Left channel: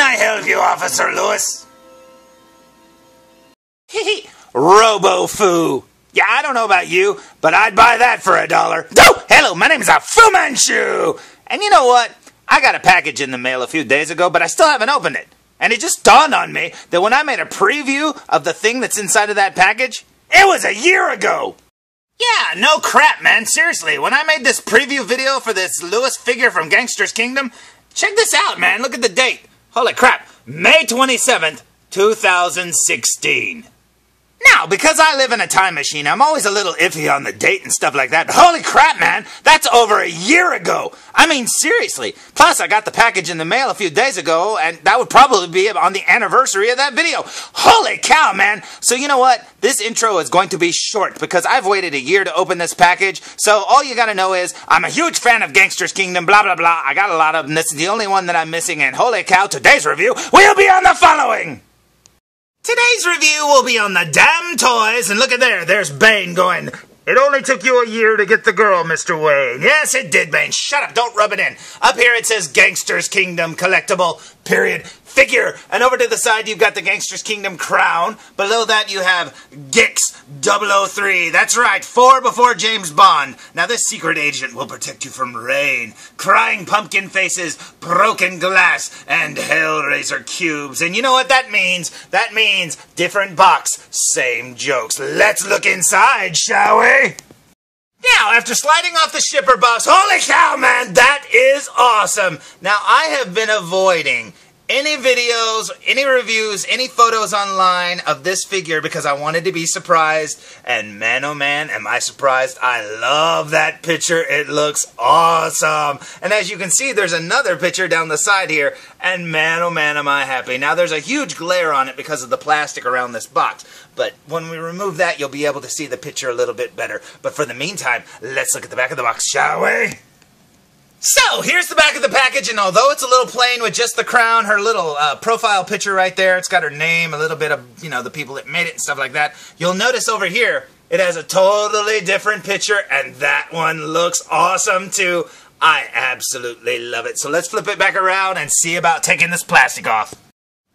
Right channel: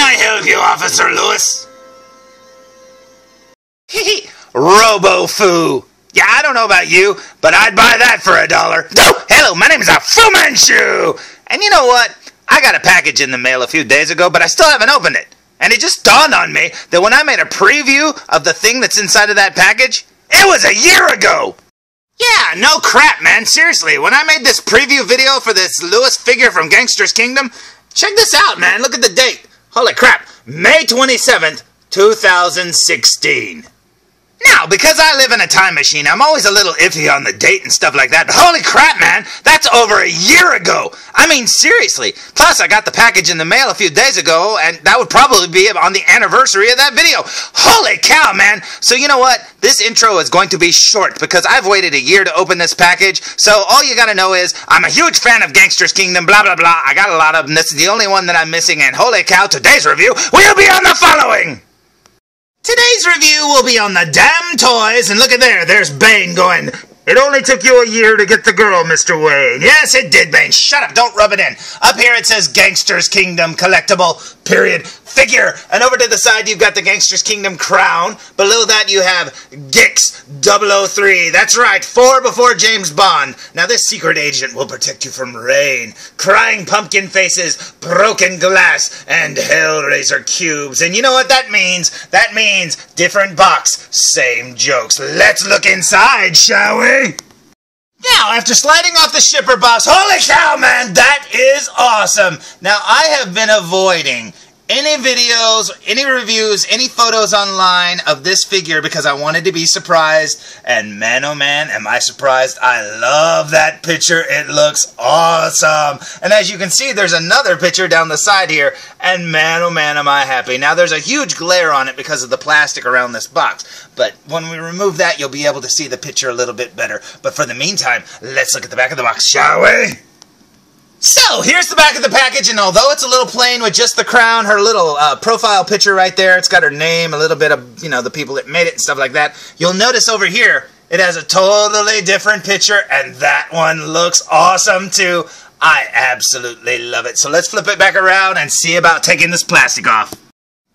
can I help you, Officer Lewis? Robo-Foo. Yeah, I don't know about you, but I'd buy that for $1. Oh, hello, my name is Fu Manchu. And you know what? I got a package in the mail a few days ago, but I still haven't opened it. And it just dawned on me that when I made a preview of the thing that's inside of that package, it was a year ago. Yeah, no crap, man. Seriously, when I made this preview video for this Lewis figure from Gangsters Kingdom, check this out, man. Look at the date. Holy crap. May 27th, 2016. Now, because I live in a time machine, I'm always a little iffy on the date and stuff like that. But holy crap, man, that's over a year ago. I mean, seriously. Plus, I got the package in the mail a few days ago, and that would probably be on the anniversary of that video. Holy cow, man. So you know what? This intro is going to be short because I've waited a year to open this package. So all you gotta know is, I'm a huge fan of Gangsters Kingdom, blah, blah, blah. I got a lot of them. This is the only one that I'm missing, and holy cow, today's review will be on the following. Today's review will be on the DamToys, and look at there's Bane going, "It only took you a year to get the girl, Mr. Wayne." Yes, it did, Bane. Shut up, don't rub it in. Up here it says Gangsters Kingdom Collectible, period, figure. And over to the side you've got the Gangsters Kingdom crown. Below that you have GKS003. That's right, 4 before James Bond. Now this secret agent will protect you from rain, crying pumpkin faces, broken glass, and Hellraiser cubes. And you know what that means? That means different box, same jokes. Let's look inside, shall we? Now, after sliding off the shipper box, holy cow, man, that is awesome. Now, I have been avoiding any videos, any reviews, any photos online of this figure because I wanted to be surprised, and man oh man am I surprised. I love that picture. It looks awesome. And as you can see, there's another picture down the side here, and man oh man am I happy. Now there's a huge glare on it because of the plastic around this box, but when we remove that you'll be able to see the picture a little bit better. But for the meantime, let's look at the back of the box, shall we? So, here's the back of the package, and although it's a little plain with just the crown, her little profile picture right there, it's got her name, a little bit of, you know, the people that made it and stuff like that. You'll notice over here, it has a totally different picture, and that one looks awesome too. I absolutely love it. So let's flip it back around and see about taking this plastic off.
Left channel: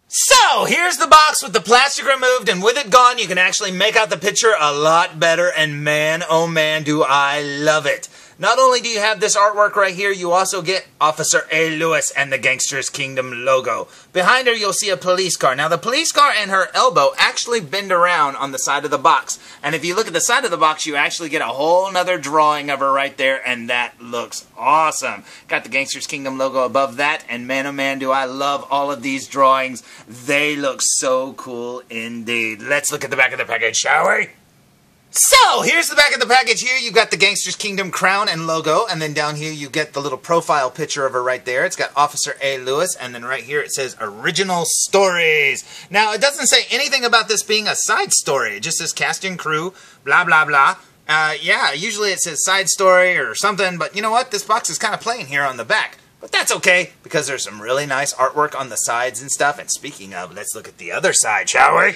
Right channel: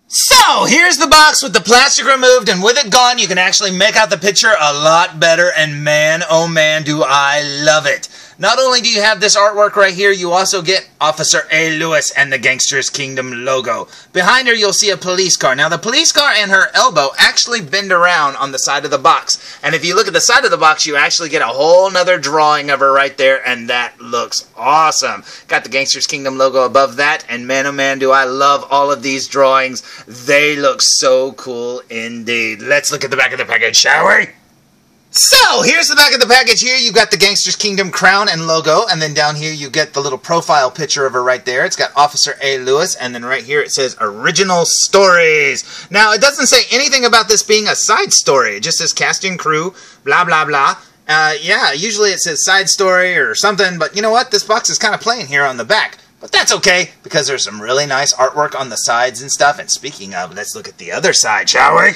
So, here's the box with the plastic removed, and with it gone, you can actually make out the picture a lot better, and man, oh man, do I love it. Not only do you have this artwork right here, you also get Officer A. Lewis and the Gangsters Kingdom logo. Behind her, you'll see a police car. Now, the police car and her elbow actually bend around on the side of the box. And if you look at the side of the box, you actually get a whole nother drawing of her right there, and that looks awesome. Got the Gangsters Kingdom logo above that, and man, oh man, do I love all of these drawings. They look so cool indeed. Let's look at the back of the package, shall we? So, here's the back of the package here. You've got the Gangsters Kingdom crown and logo, and then down here you get the little profile picture of her right there. It's got Officer A. Lewis, and then right here it says Original Stories. Now, it doesn't say anything about this being a side story. It just says cast and crew, blah, blah, blah. Yeah, usually it says side story or something, but you know what? This box is kind of plain here on the back. But that's okay, because there's some really nice artwork on the sides and stuff. And speaking of, let's look at the other side, shall we?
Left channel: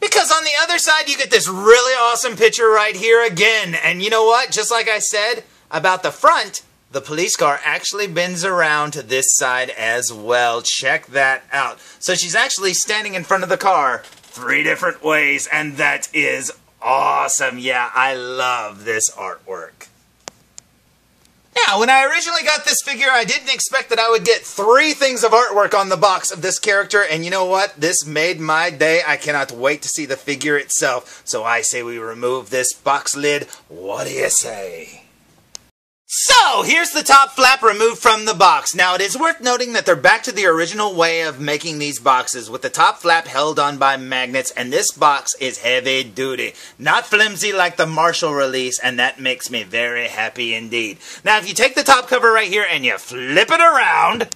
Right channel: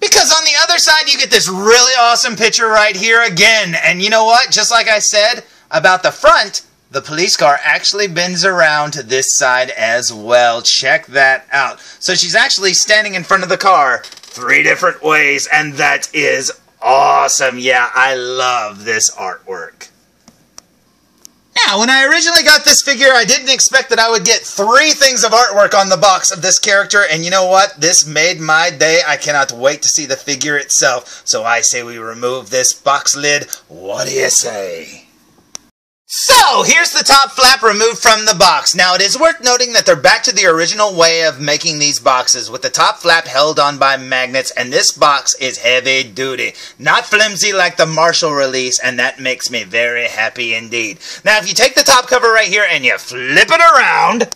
Because on the other side, you get this really awesome picture right here again. And you know what? Just like I said about the front, the police car actually bends around to this side as well. Check that out. So she's actually standing in front of the car 3 different ways, and that is awesome. Yeah, I love this artwork. Now, when I originally got this figure, I didn't expect that I would get 3 things of artwork on the box of this character, and you know what? This made my day. I cannot wait to see the figure itself. So I say we remove this box lid. What do you say? So, here's the top flap removed from the box. Now, it is worth noting that they're back to the original way of making these boxes, with the top flap held on by magnets, and this box is heavy duty. Not flimsy like the Marshall release, and that makes me very happy indeed. Now, if you take the top cover right here and you flip it around,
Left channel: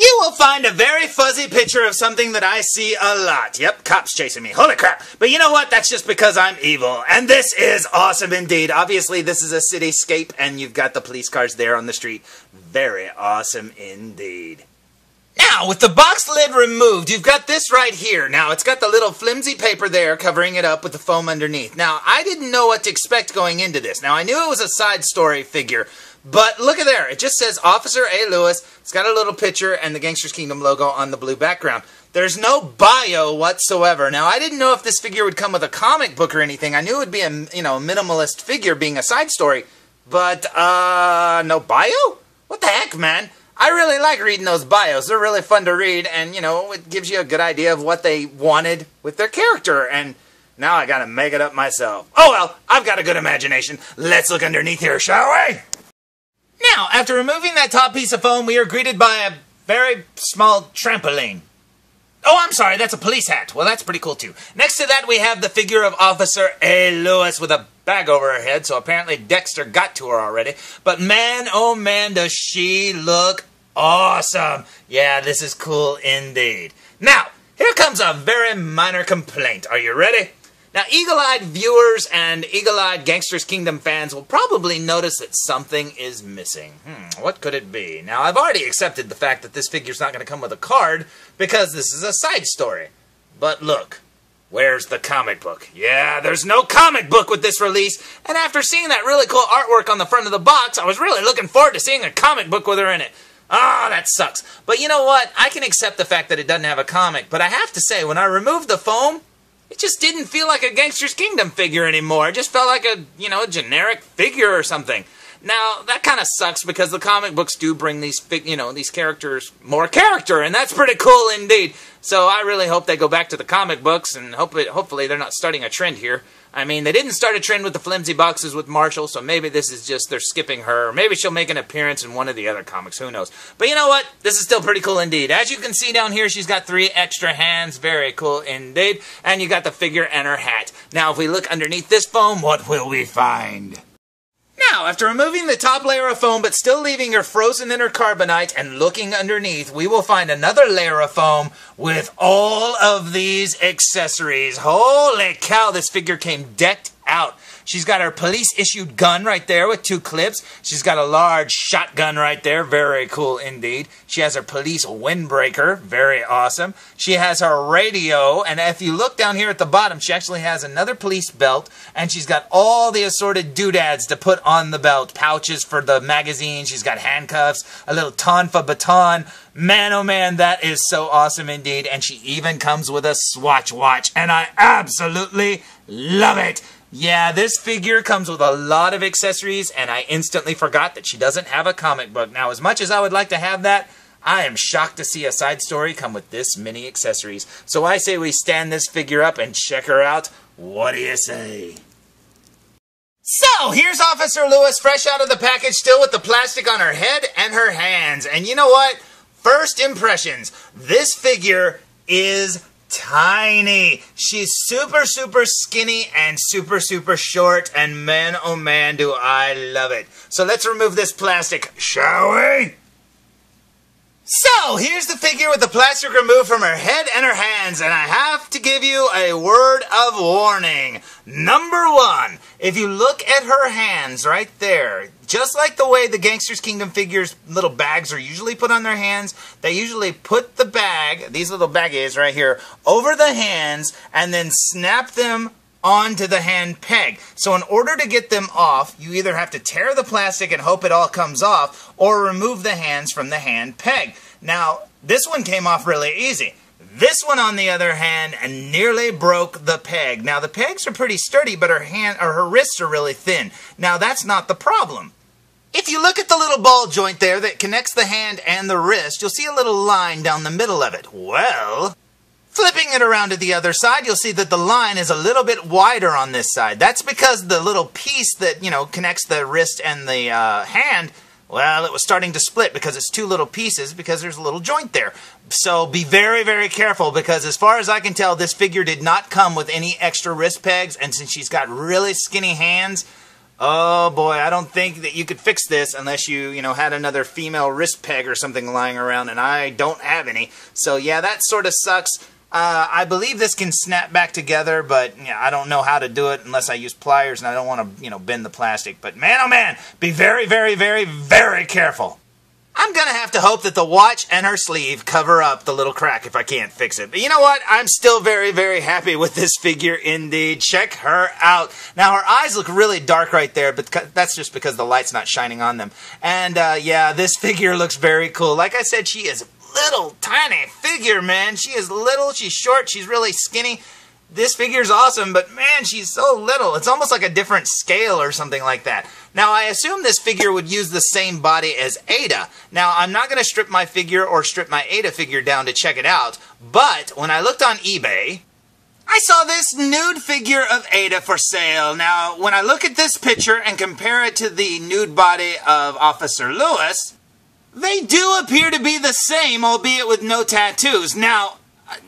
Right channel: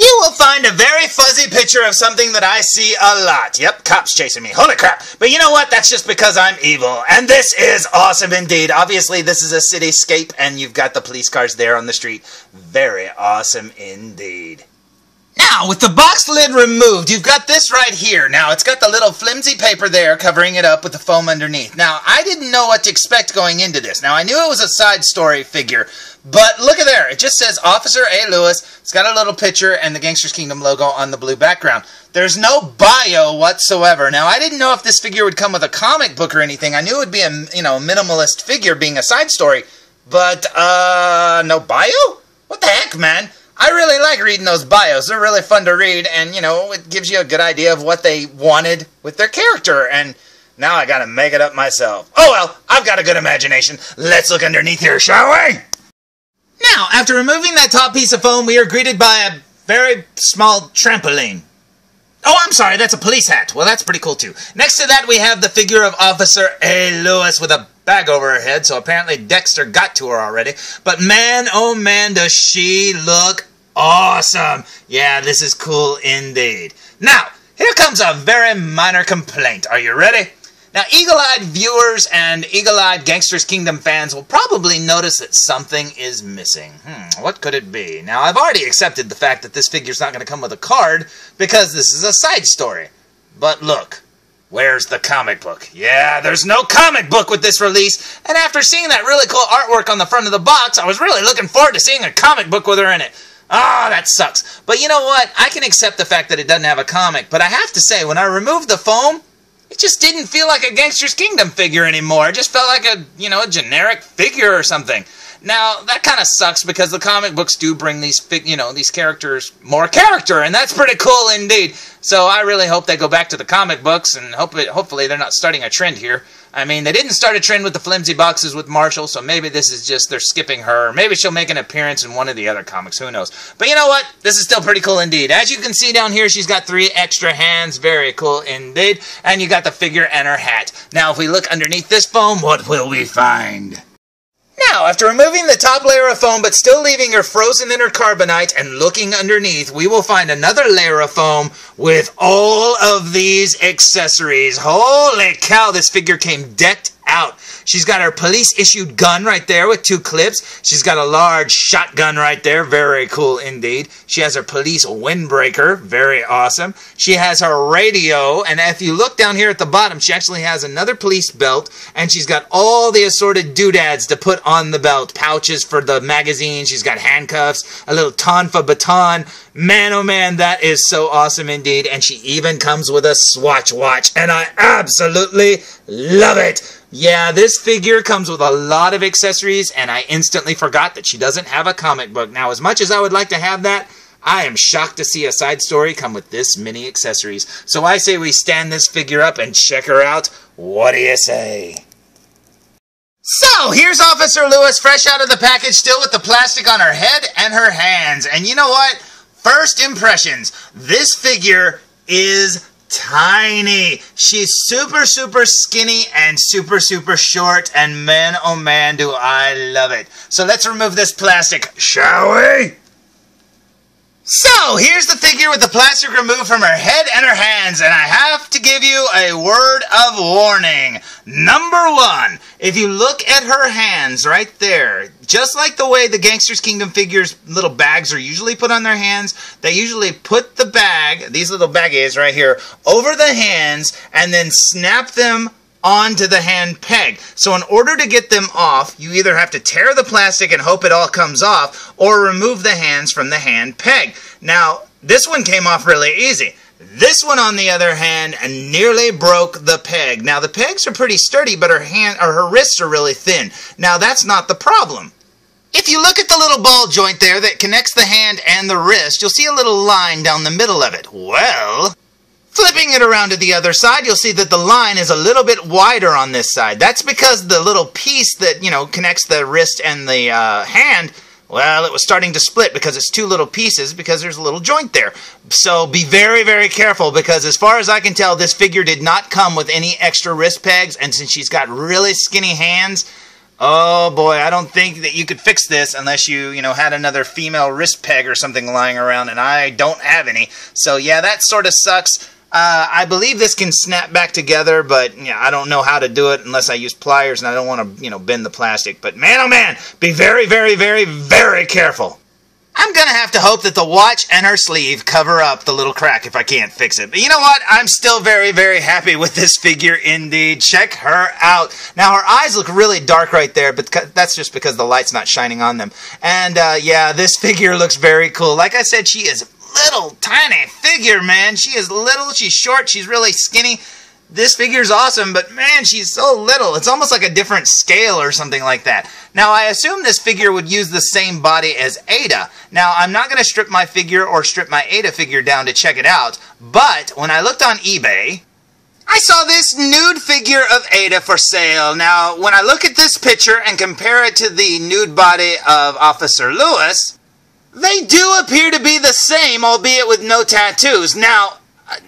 you will find a very fuzzy picture of something that I see a lot. Yep, cops chasing me. Holy crap. But you know what? That's just because I'm evil. And this is awesome indeed. Obviously, this is a cityscape, and you've got the police cars there on the street. Very awesome indeed. Now, with the box lid removed, you've got this right here. Now, it's got the little flimsy paper there covering it up with the foam underneath. Now, I didn't know what to expect going into this. Now, I knew it was a side story figure, But look at there. It just says Officer A. Lewis. It's got a little picture and the Gangsters Kingdom logo on the blue background. There's no bio whatsoever. Now, I didn't know if this figure would come with a comic book or anything. I knew it would be a, a minimalist figure being a side story. But, no bio? What the heck, man? I really like reading those bios. They're really fun to read, and, it gives you a good idea of what they wanted with their character, and now I gotta make it up myself. Oh well, I've got a good imagination. Let's look underneath here, shall we? Now, after removing that top piece of foam, we are greeted by a very small trampoline. Oh, I'm sorry, that's a police hat. Well, that's pretty cool, too. Next to that, we have the figure of Officer A. Lewis with a bag over her head, so apparently Dexter got to her already. But man, oh man, does she look awesome. Yeah, this is cool indeed. Now, here comes a very minor complaint. Are you ready? Now, eagle-eyed viewers and eagle-eyed Gangsters Kingdom fans will probably notice that something is missing. What could it be? Now, I've already accepted the fact that this figure's not going to come with a card because this is a side story. But look, where's the comic book? Yeah, there's no comic book with this release, and after seeing that really cool artwork on the front of the box, I was really looking forward to seeing a comic book with her in it. Ah, that sucks. But you know what? I can accept the fact that it doesn't have a comic, but I have to say, when I removed the foam, it just didn't feel like a Gangsters Kingdom figure anymore. It just felt like a, a generic figure or something. Now, that kind of sucks because the comic books do bring these, these characters more character, and that's pretty cool indeed. So I really hope they go back to the comic books, and hopefully they're not starting a trend here. I mean, they didn't start a trend with the flimsy boxes with Marshall, so maybe this is just they're skipping her. Or maybe she'll make an appearance in one of the other comics. Who knows? But you know what? This is still pretty cool indeed. As you can see down here, she's got 3 extra hands. Very cool indeed. And you got the figure and her hat. Now, if we look underneath this foam, what will we find? Now, after removing the top layer of foam but still leaving her frozen in her carbonite and looking underneath, we will find another layer of foam with all of these accessories. Holy cow, this figure came decked out. She's got her police-issued gun right there with 2 clips. She's got a large shotgun right there. Very cool indeed. She has her police windbreaker. Very awesome. She has her radio. And if you look down here at the bottom, she actually has another police belt. And she's got all the assorted doodads to put on the belt. Pouches for the magazine. She's got handcuffs. A little tonfa baton. Man, oh man, that is so awesome indeed. And she even comes with a Swatch Watch. And I absolutely love it. Yeah, this figure comes with a lot of accessories, and I instantly forgot that she doesn't have a comic book. Now, as much as I would like to have that, I am shocked to see a side story come with this many accessories. So I say we stand this figure up and check her out. What do you say? So, here's Officer Lewis fresh out of the package, still with the plastic on her head and her hands. And you know what? First impressions. This figure is tiny. She's super, super skinny and super, super short, and man, oh man, do I love it. So let's remove this plastic, shall we? So, here's the figure with the plastic removed from her head and her hands, and I have to give you a word of warning. Number 1, if you look at her hands right there, just like the way the Gangsters Kingdom figures' little bags are usually put on their hands, they usually put the bag, these little baggies right here, over the hands and then snap them onto the hand peg. So in order to get them off, you either have to tear the plastic and hope it all comes off, or remove the hands from the hand peg. Now, this one came off really easy. This one, on the other hand, nearly broke the peg. Now, the pegs are pretty sturdy, but her wrists are really thin. Now, that's not the problem. If you look at the little ball joint there that connects the hand and the wrist, you'll see a little line down the middle of it. Well, flipping it around to the other side, you'll see that the line is a little bit wider on this side. That's because the little piece that, connects the wrist and the hand, well, it was starting to split because it's 2 little pieces because there's a little joint there. So be very, very careful because as far as I can tell, this figure did not come with any extra wrist pegs, and since she's got really skinny hands, oh boy, I don't think that you could fix this unless you, had another female wrist peg or something lying around, and I don't have any. So yeah, that sort of sucks. I believe this can snap back together, but I don't know how to do it unless I use pliers, and I don't want to, bend the plastic. But man, oh man, be very, very, very, very careful. I'm I'm going to have to hope that the watch and her sleeve cover up the little crack if I can't fix it. But you know what? I'm still very, very happy with this figure indeed. Check her out. Now, her eyes look really dark right there, but that's just because the light's not shining on them. And, yeah, this figure looks very cool. Like I said, she is little, tiny figure, man. She is little, she's short, she's really skinny. This figure's awesome, but man, she's so little. It's almost like a different scale or something like that. Now, I assume this figure would use the same body as Aydah. Now, I'm not going to strip my figure or strip my Aydah figure down to check it out, but when I looked on eBay, I saw this nude figure of Aydah for sale. Now, when I look at this picture and compare it to the nude body of Officer Lewis, they do appear to be the same, albeit with no tattoos. Now,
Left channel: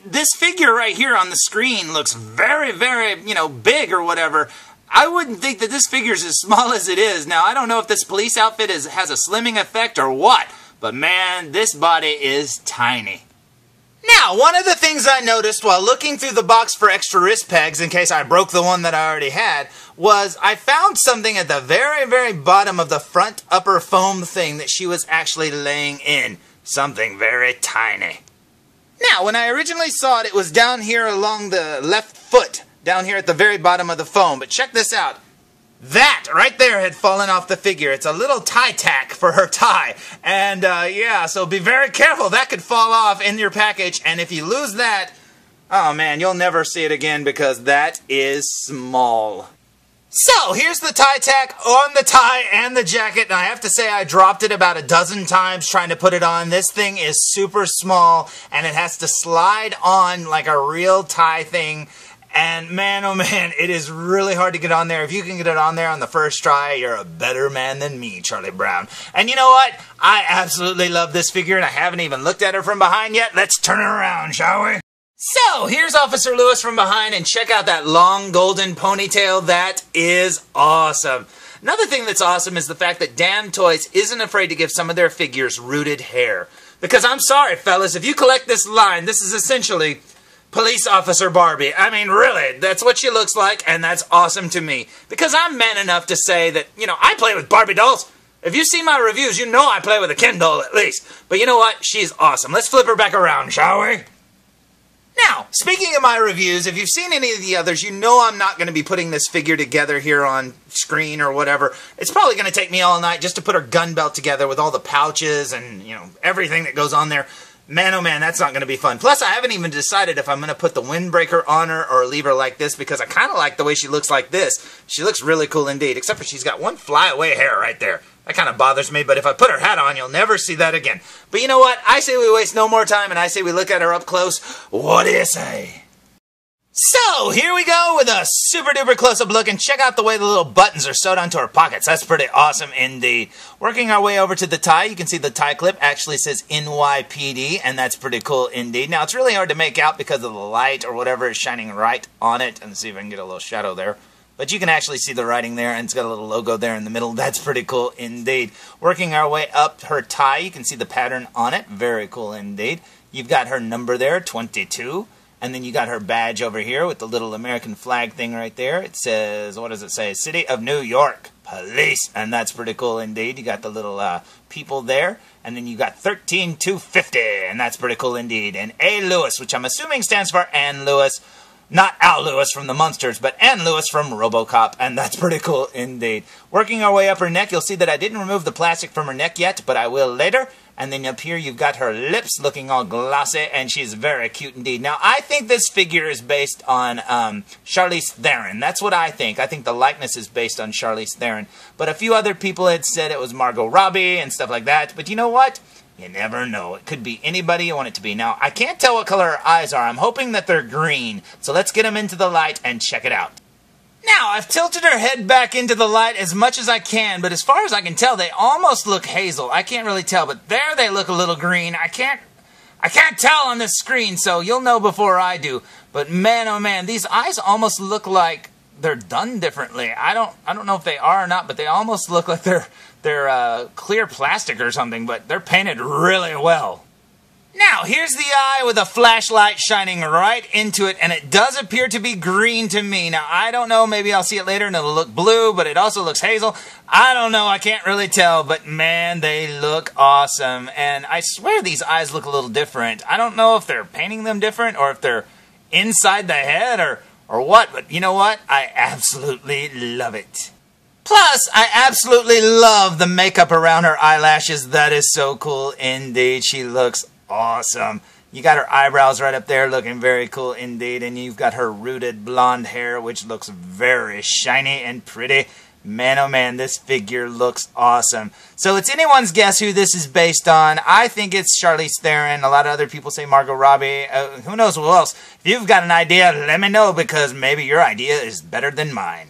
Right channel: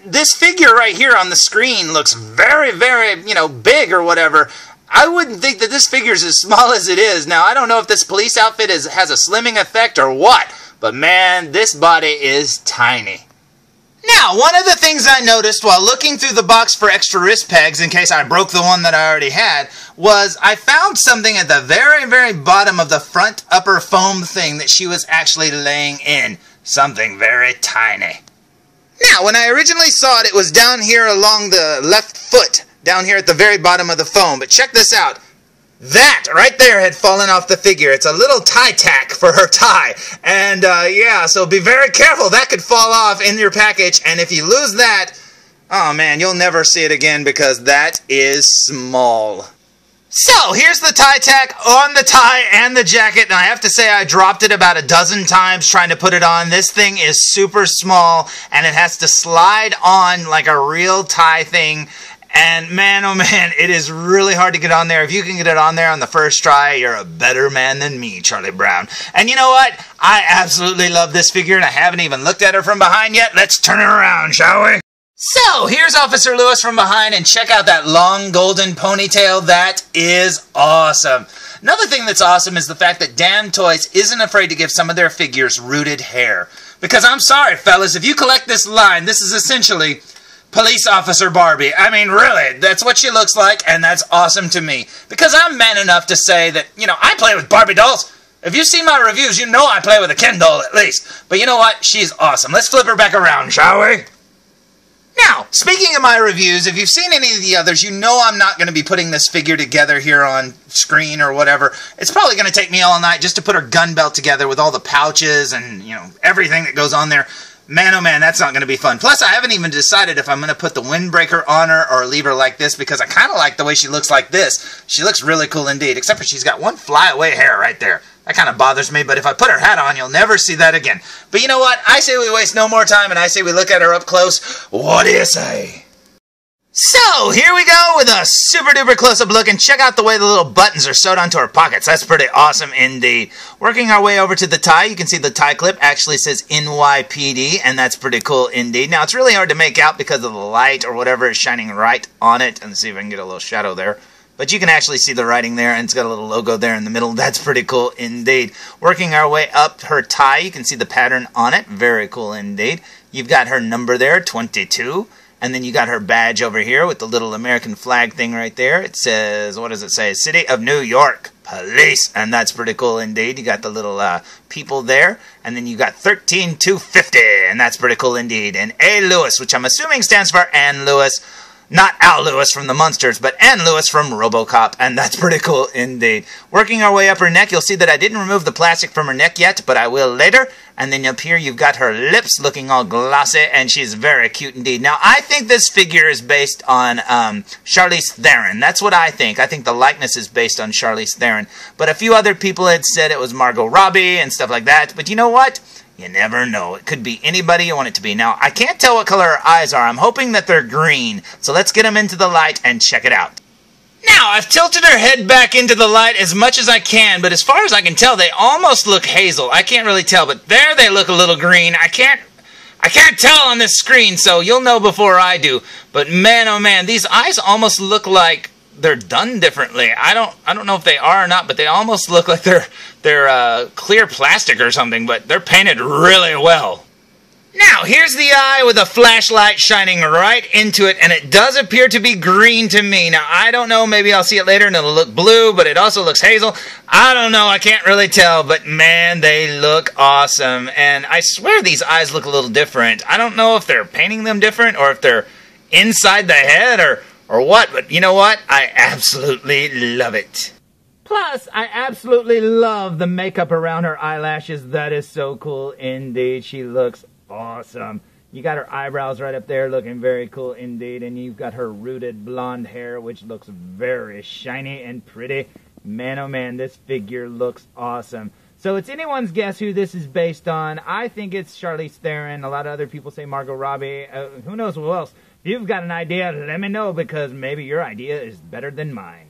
this figure right here on the screen looks very, very, big or whatever. I wouldn't think that this figure's as small as it is. Now, I don't know if this police outfit has a slimming effect or what, but man, this body is tiny. Now, one of the things I noticed while looking through the box for extra wrist pegs, in case I broke the one that I already had, was I found something at the very, very bottom of the front upper foam thing that she was actually laying in. Something very tiny. Now, when I originally saw it, it was down here along the left foot, down here at the very bottom of the foam. But check this out. That right there had fallen off the figure. It's a little tie tack for her tie. And, yeah, so be very careful. That could fall off in your package. And if you lose that, oh, man, you'll never see it again because that is small. So, here's the tie tack on the tie and the jacket, and I have to say I dropped it about a dozen times trying to put it on. This thing is super small, and it has to slide on like a real tie thing, and man, oh man, it is really hard to get on there. If you can get it on there on the first try, you're a better man than me, Charlie Brown. And you know what? I absolutely love this figure, and I haven't even looked at her from behind yet. Let's turn her around, shall we? So, here's Officer Lewis from behind, and check out that long golden ponytail. That is awesome. Another thing that's awesome is the fact that DamToys isn't afraid to give some of their figures rooted hair. Because I'm sorry, fellas, if you collect this line, this is essentially Police Officer Barbie. I mean, really, that's what she looks like, and that's awesome to me. Because I'm man enough to say that, I play with Barbie dolls. If you've seen my reviews, you know I play with a Ken doll at least. But you know what? She's awesome. Let's flip her back around, shall we? Now, speaking of my reviews, if you've seen any of the others, you know I'm not going to be putting this figure together here on screen or whatever. It's probably going to take me all night just to put her gun belt together with all the pouches and, everything that goes on there. Man, oh man, that's not going to be fun. Plus, I haven't even decided if I'm going to put the Windbreaker on her or leave her like this because I kind of like the way she looks like this. She looks really cool indeed, except for she's got one flyaway hair right there. That kind of bothers me, but if I put her hat on, you'll never see that again. But you know what? I say we waste no more time, and I say we look at her up close. What do you say? So, here we go with a super-duper close-up look, and check out the way the little buttons are sewed onto her pockets. That's pretty awesome indeed. Working our way over to the tie, you can see the tie clip actually says NYPD, and that's pretty cool indeed. Now, it's really hard to make out because of the light or whatever is shining right on it. And see if I can get a little shadow there. But you can actually see the writing there, and it's got a little logo there in the middle. That's pretty cool indeed. Working our way up her tie, you can see the pattern on it. Very cool indeed. You've got her number there, 22. And then you got her badge over here with the little American flag thing right there. It says, what does it say? City of New York Police. And that's pretty cool indeed. You got the little people there. And then you got 13250. And that's pretty cool indeed. And A. Lewis, which I'm assuming stands for Ann Lewis. Not Al Lewis from the Munsters, but Ann Lewis from RoboCop, and that's pretty cool indeed. Working our way up her neck, you'll see that I didn't remove the plastic from her neck yet, but I will later. And then up here, you've got her lips looking all glossy, and she's very cute indeed. Now, I think this figure is based on Charlize Theron. That's what I think. I think the likeness is based on Charlize Theron. But a few other people had said it was Margot Robbie and stuff like that. But you know what? You never know. It could be anybody you want it to be. Now, I can't tell what color her eyes are. I'm hoping that they're green. So let's get them into the light and check it out. Now, I've tilted her head back into the light as much as I can, but as far as I can tell, they almost look hazel. I can't really tell, but there they look a little green. I can't tell on this screen, so you'll know before I do. But man, oh man, these eyes almost look like they're done differently. I don't know if they are or not, but they almost look like they're clear plastic or something, but they're painted really well. Now, here's the eye with a flashlight shining right into it, and it does appear to be green to me. Now, I don't know, maybe I'll see it later and it'll look blue, but it also looks hazel. I don't know, I can't really tell, but man, they look awesome. And I swear these eyes look a little different. I don't know if they're painting them different or if they're inside the head or what, but you know what? I absolutely love it. Plus, I absolutely love the makeup around her eyelashes. That is so cool indeed. She looks awesome. You got her eyebrows right up there looking very cool indeed, and you've got her rooted blonde hair, which looks very shiny and pretty. Man, oh man, this figure looks awesome. So it's anyone's guess who this is based on. I think it's Charlize Theron. A lot of other people say Margot Robbie. Who knows who else? If you've got an idea, let me know, because maybe your idea is better than mine.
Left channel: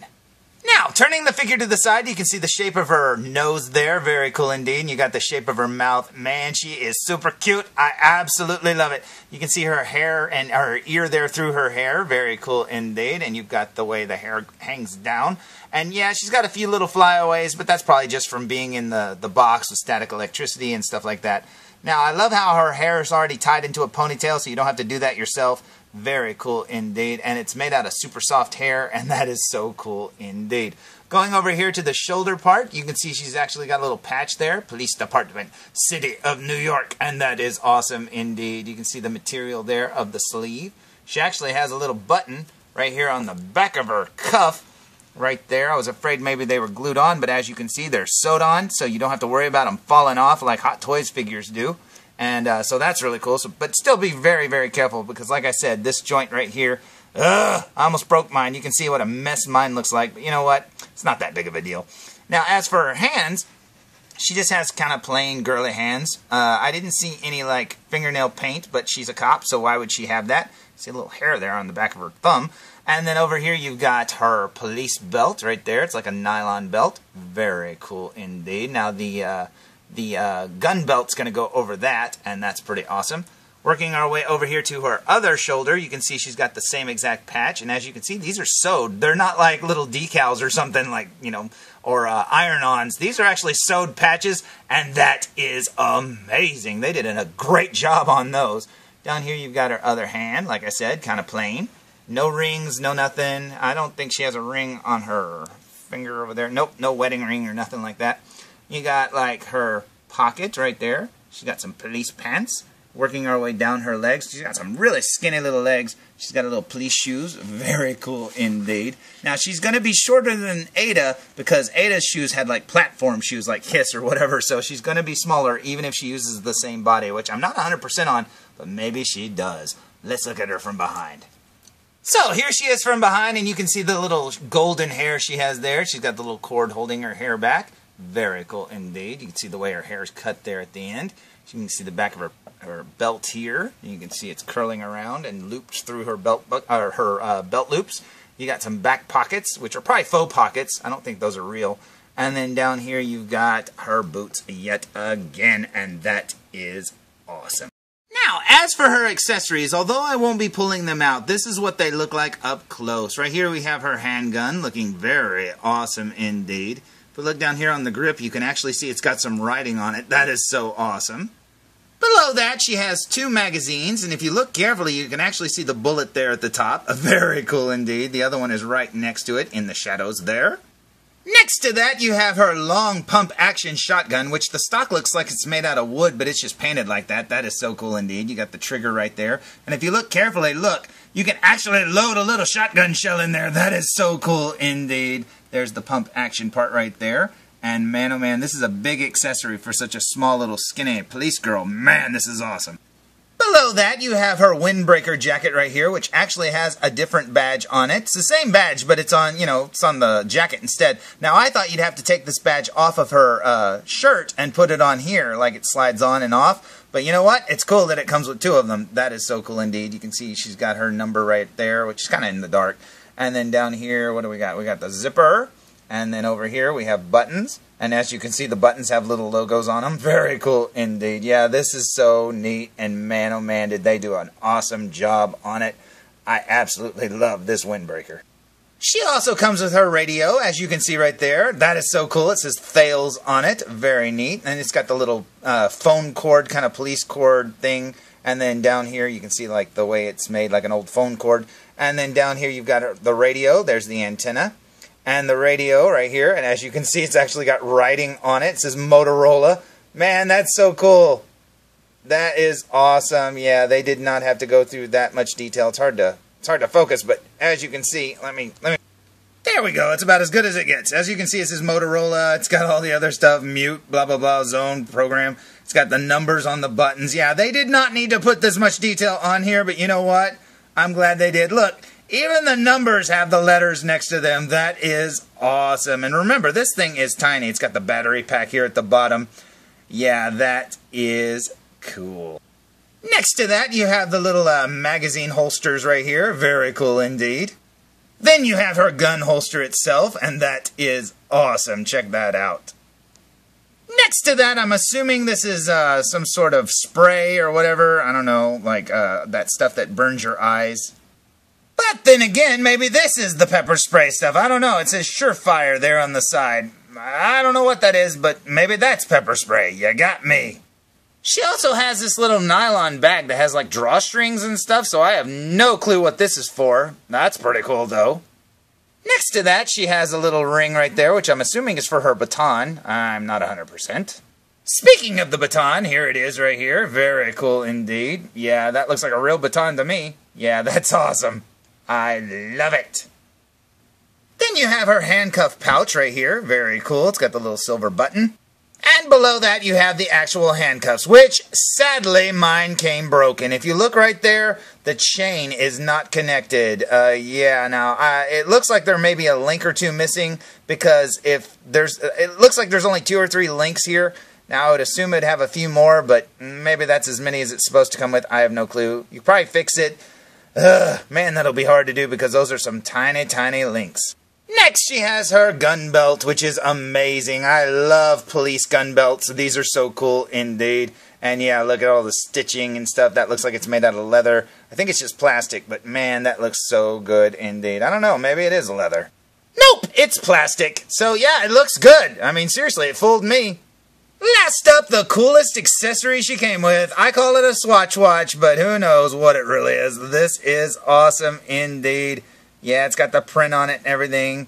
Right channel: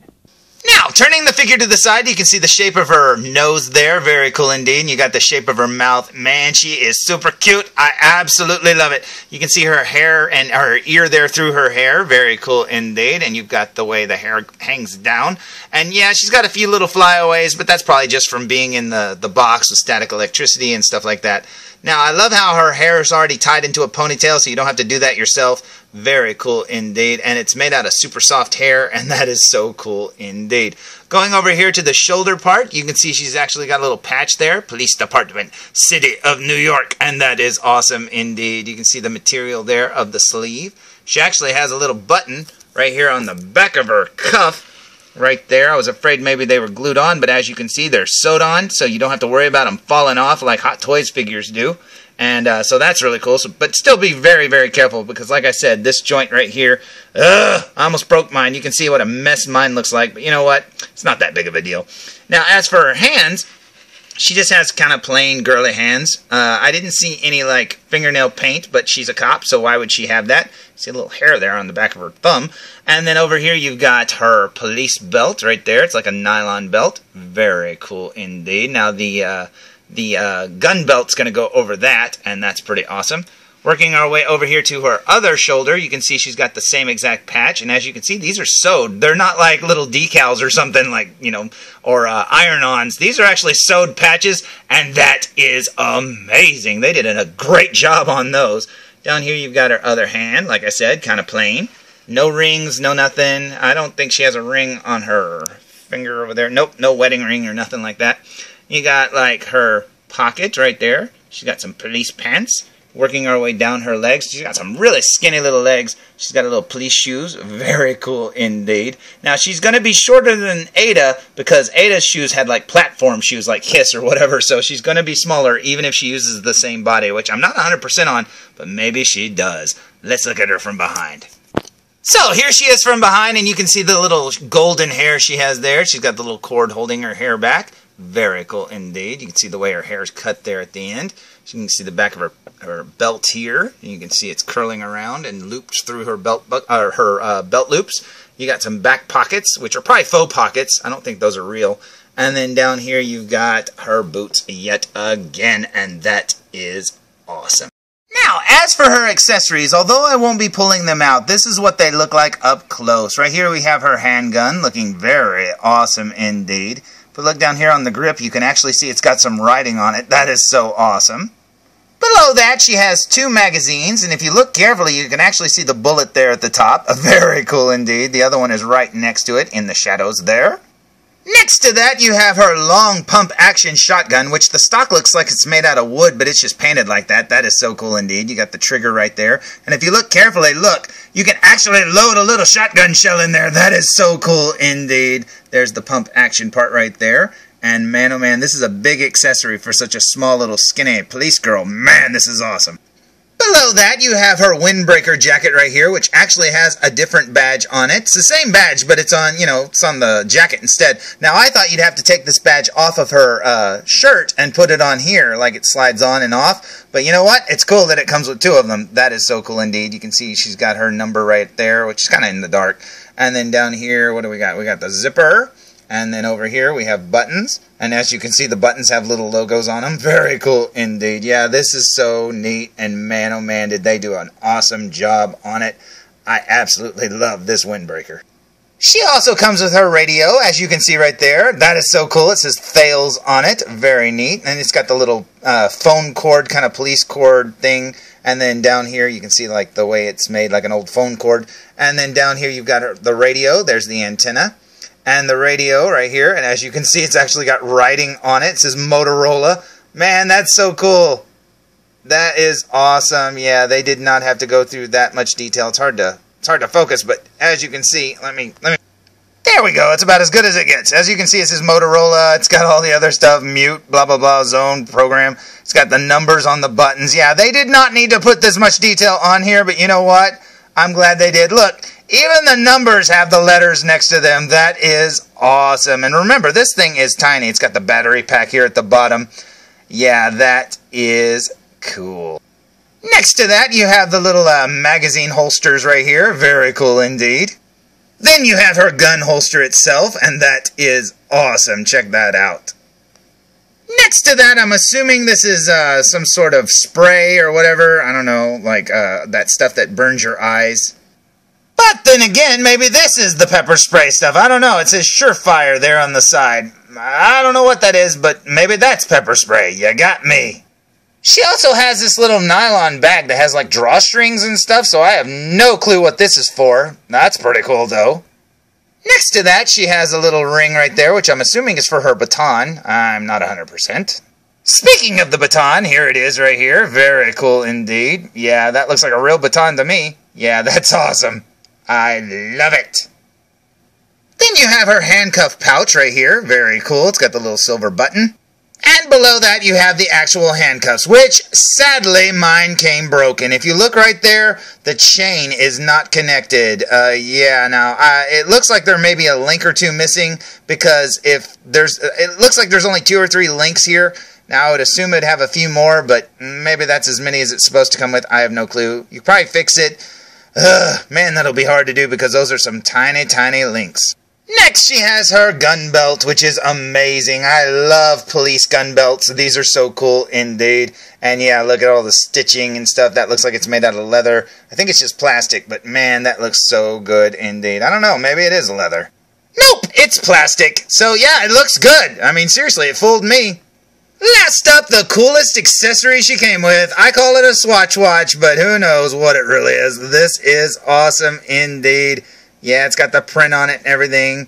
Now, turning the figure to the side, you can see the shape of her nose there. Very cool indeed. And you got the shape of her mouth. Man, she is super cute. I absolutely love it. You can see her hair and her ear there through her hair. Very cool indeed. And you've got the way the hair hangs down. And yeah, she's got a few little flyaways, but that's probably just from being in the box with static electricity and stuff like that. Now, I love how her hair is already tied into a ponytail, so you don't have to do that yourself. Very cool indeed. And it's made out of super soft hair, and that is so cool indeed. Going over here to the shoulder part, you can see she's actually got a little patch there. Police Department, City of New York. And that is awesome indeed. You can see the material there of the sleeve. She actually has a little button right here on the back of her cuff. Right there. I was afraid maybe they were glued on, but as you can see, they're sewed on, so you don't have to worry about them falling off like Hot Toys figures do. And so that's really cool. But still be very, very careful, because like I said, this joint right here, I almost broke mine. You can see what a mess mine looks like, but you know what? It's not that big of a deal. Now, as for her hands, she just has kind of plain girly hands. I didn't see any like fingernail paint, but she's a cop, so why would she have that? See a little hair there on the back of her thumb. And then over here you've got her police belt right there. It's like a nylon belt. Very cool indeed. Now the gun belt's going to go over that, and that's pretty awesome. Working our way over here to her other shoulder, you can see she's got the same exact patch, and as you can see, these are sewed. They're not like little decals or something like, you know, or iron-ons. These are actually sewed patches, and that is amazing. They did a great job on those. Down here you've got her other hand, like I said, kind of plain. No rings, no nothing. I don't think she has a ring on her finger over there. Nope, no wedding ring or nothing like that. You got like her pocket right there. She's got some police pants. Working our way down her legs. She's got some really skinny little legs. She's got a little police shoes. Very cool indeed. Now she's going to be shorter than Aydah, because Aydah's shoes had like platform shoes like Kiss or whatever, so she's going to be smaller even if she uses the same body, which I'm not 100% on, but maybe she does. Let's look at her from behind. So here she is from behind, and you can see the little golden hair she has there. She's got the little cord holding her hair back. Very cool indeed. You can see the way her hair is cut there at the end. You can see the back of her belt here. You can see it's curling around and looped through her belt loops. You got some back pockets, which are probably faux pockets. I don't think those are real. And then down here you've got her boots yet again, and that is awesome. Now, as for her accessories, although I won't be pulling them out, this is what they look like up close. Right here we have her handgun, looking very awesome indeed. But look down here on the grip, you can actually see it's got some writing on it. That is so awesome. Below that, she has two magazines, and if you look carefully, you can actually see the bullet there at the top. Very cool indeed. The other one is right next to it in the shadows there. Next to that, you have her long pump action shotgun, which the stock looks like it's made out of wood, but it's just painted like that. That is so cool indeed. You got the trigger right there. And if you look carefully, look, you can actually load a little shotgun shell in there. That is so cool indeed. There's the pump action part right there. And man, oh man, this is a big accessory for such a small little skinny police girl. Man, this is awesome. Below that, you have her Windbreaker Jacket right here, which actually has a different badge on it. It's the same badge, but it's on, you know, it's on the jacket instead. Now, I thought you'd have to take this badge off of her shirt and put it on here, like it slides on and off. But you know what? It's cool that it comes with two of them. That is so cool indeed. You can see she's got her number right there, which is kind of in the dark. And then down here, what do we got? We got the zipper. And then over here we have buttons, and as you can see the buttons have little logos on them. Very cool indeed. Yeah, this is so neat, and man oh man did they do an awesome job on it. I absolutely love this Windbreaker. She also comes with her radio, as you can see right there. That is so cool. It says Thales on it. Very neat. And it's got the little phone cord, kind of police cord thing. And then down here you can see like the way it's made, like an old phone cord. And then down here you've got the radio. There's the antenna. And the radio right here. And as you can see, it's actually got writing on it. It says Motorola. Man, that's so cool. That is awesome. Yeah, they did not have to go through that much detail. It's hard to focus, but as you can see, let me. There we go. It's about as good as it gets. As you can see, it says Motorola. It's got all the other stuff, mute, blah, blah, blah, zone, program. It's got the numbers on the buttons. Yeah, they did not need to put this much detail on here, but you know what? I'm glad they did. Look, even the numbers have the letters next to them. That is awesome. And remember, this thing is tiny. It's got the battery pack here at the bottom. Yeah, that is cool. Next to that, you have the little magazine holsters right here. Very cool indeed. Then you have her gun holster itself, and that is awesome. Check that out. Next to that, I'm assuming this is some sort of spray or whatever. I don't know, like that stuff that burns your eyes. But then again, maybe this is the pepper spray stuff. I don't know. It says Surefire there on the side. I don't know what that is, but maybe that's pepper spray. You got me. She also has this little nylon bag that has like drawstrings and stuff, so I have no clue what this is for. That's pretty cool, though. Next to that, she has a little ring right there, which I'm assuming is for her baton. I'm not 100%. Speaking of the baton, here it is right here. Very cool indeed. Yeah, that looks like a real baton to me. Yeah, that's awesome. I love it. Then you have her handcuff pouch right here. Very cool. It's got the little silver button. And below that, you have the actual handcuffs, which, sadly, mine came broken. If you look right there, the chain is not connected. Yeah, now, it looks like there may be a link or two missing, because it looks like there's only 2 or 3 links here. Now, I would assume it'd have a few more, but maybe that's as many as it's supposed to come with. I have no clue. You probably fix it. Man, that'll be hard to do, because those are some tiny, tiny links. Next, she has her gun belt, which is amazing. I love police gun belts. These are so cool indeed. And yeah, look at all the stitching and stuff. That looks like it's made out of leather. I think it's just plastic, but man, that looks so good indeed. I don't know, maybe it is leather. Nope, it's plastic. So yeah, it looks good. I mean, seriously, it fooled me. Last up, the coolest accessory she came with. I call it a Swatch Watch, but who knows what it really is. This is awesome indeed. Yeah, it's got the print on it and everything.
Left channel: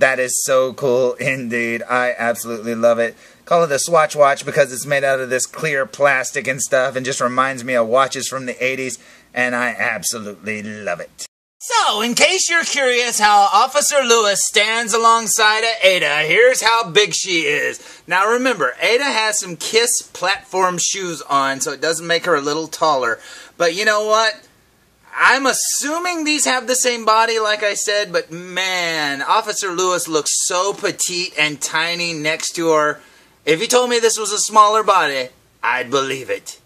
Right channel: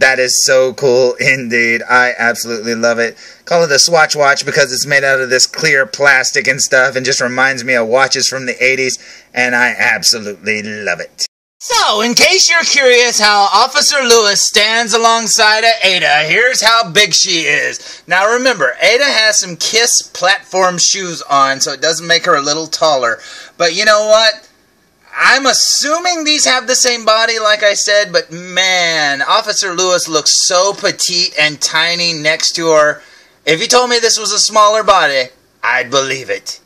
That is so cool indeed. I absolutely love it. Call it a Swatch Watch because it's made out of this clear plastic and stuff and just reminds me of watches from the 80s, and I absolutely love it. So, in case you're curious how Officer Lewis stands alongside of Aydah, here's how big she is. Now remember, Aydah has some Kiss platform shoes on, so it does make her a little taller. But you know what? I'm assuming these have the same body, like I said, but man, Officer Lewis looks so petite and tiny next to her. If you told me this was a smaller body, I'd believe it.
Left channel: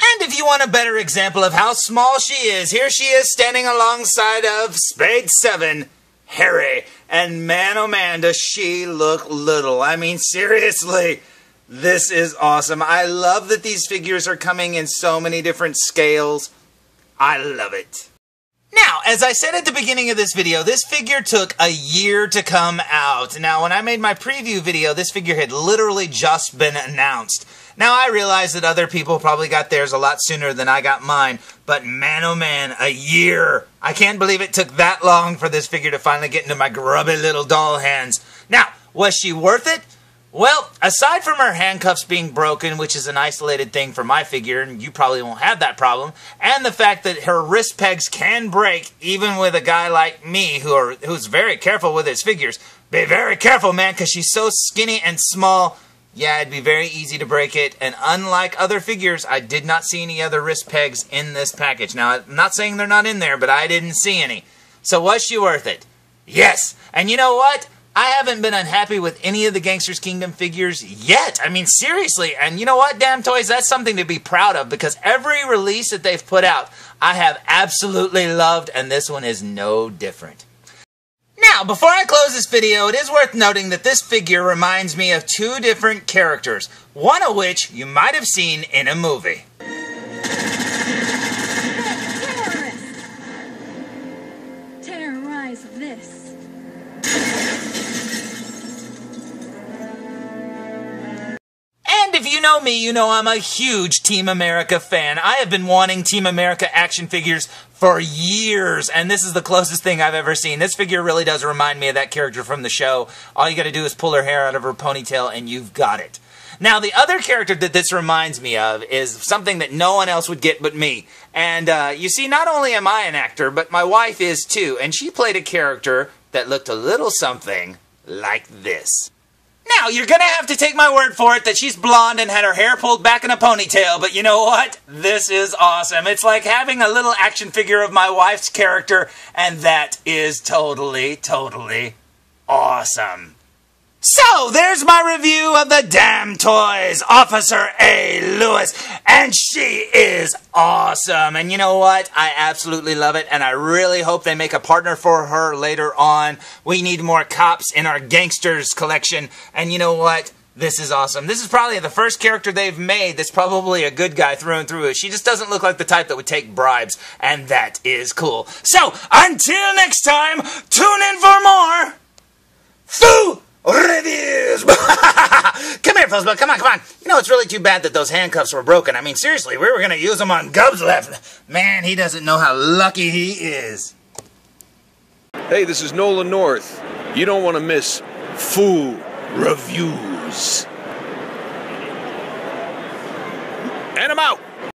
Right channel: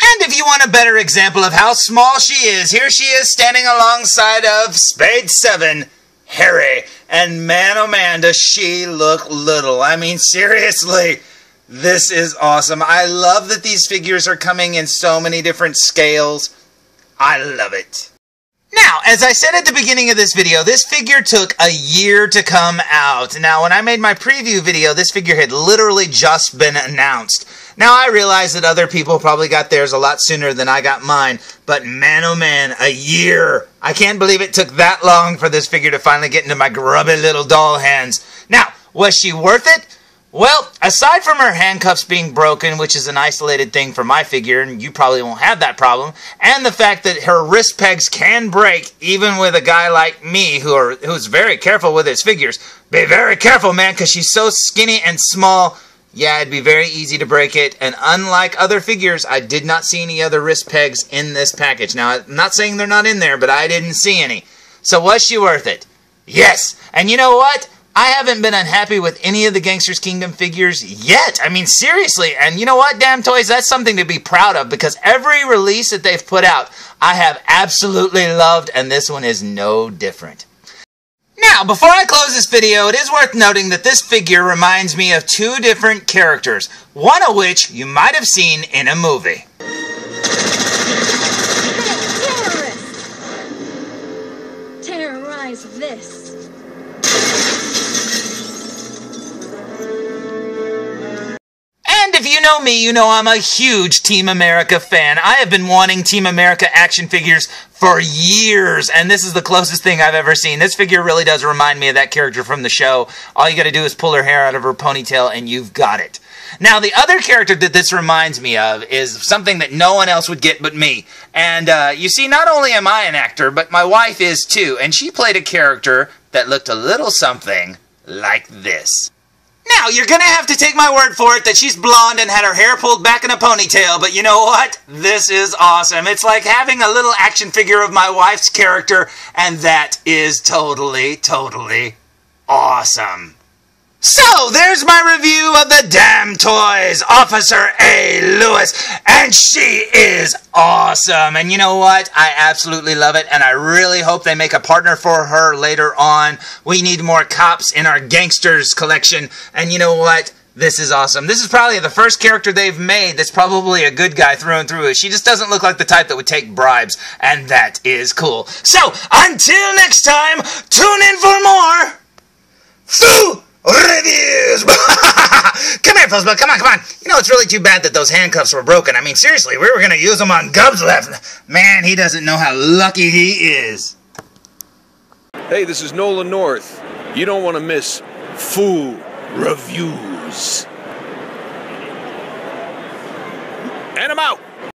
And if you want a better example of how small she is, here she is standing alongside of Spade 7, Harry. And man, oh man, does she look little. I mean, seriously, this is awesome. I love that these figures are coming in so many different scales. I love it. Now, as I said at the beginning of this video, this figure took a year to come out. Now, when I made my preview video, this figure had literally just been announced. Now, I realize that other people probably got theirs a lot sooner than I got mine, but man, oh man, a year. I can't believe it took that long for this figure to finally get into my grubby little doll hands. Now, was she worth it? Well, aside from her handcuffs being broken, which is an isolated thing for my figure, and you probably won't have that problem, and the fact that her wrist pegs can break, even with a guy like me who's very careful with his figures. Be very careful, man, because she's so skinny and small. Yeah, it'd be very easy to break it, and unlike other figures, I did not see any other wrist pegs in this package. Now, I'm not saying they're not in there, but I didn't see any. So was she worth it? Yes! And you know what? I haven't been unhappy with any of the Gangsters Kingdom figures yet. I mean, seriously. And you know what, DamToys? That's something to be proud of, because every release that they've put out, I have absolutely loved, and this one is no different. Now, before I close this video, it is worth noting that this figure reminds me of 2 different characters, one of which you might have seen in a movie. Terrorize this. know me, you know I'm a huge Team America fan. I have been wanting Team America action figures for years, and this is the closest thing I've ever seen. This figure really does remind me of that character from the show. All you gotta do is pull her hair out of her ponytail and you've got it. Now, the other character that this reminds me of is something that no one else would get but me. And you see, not only am I an actor, but my wife is too, and she played a character that looked a little something like this. Now, you're gonna have to take my word for it that she's blonde and had her hair pulled back in a ponytail, but you know what? This is awesome. It's like having a little action figure of my wife's character, and that is totally, totally awesome. So, there's my review of the DamToys Officer A. Lewis, and she is awesome. And you know what? I absolutely love it, and I really hope they make a partner for her later on. We need more cops in our gangsters collection, and you know what? This is awesome. This is probably the first character they've made that's probably a good guy through and through. She just doesn't look like the type that would take bribes, and that is cool. So, until next time, tune in for more Foo Reviews! Come here, felzbug. Come on. You know, it's really too bad that those handcuffs were broken. I mean, seriously, we were going to use them on Gub's left. Man, he doesn't know how lucky he is. Hey, this is Nolan North. You don't want to miss Foo Reviews. And I'm out.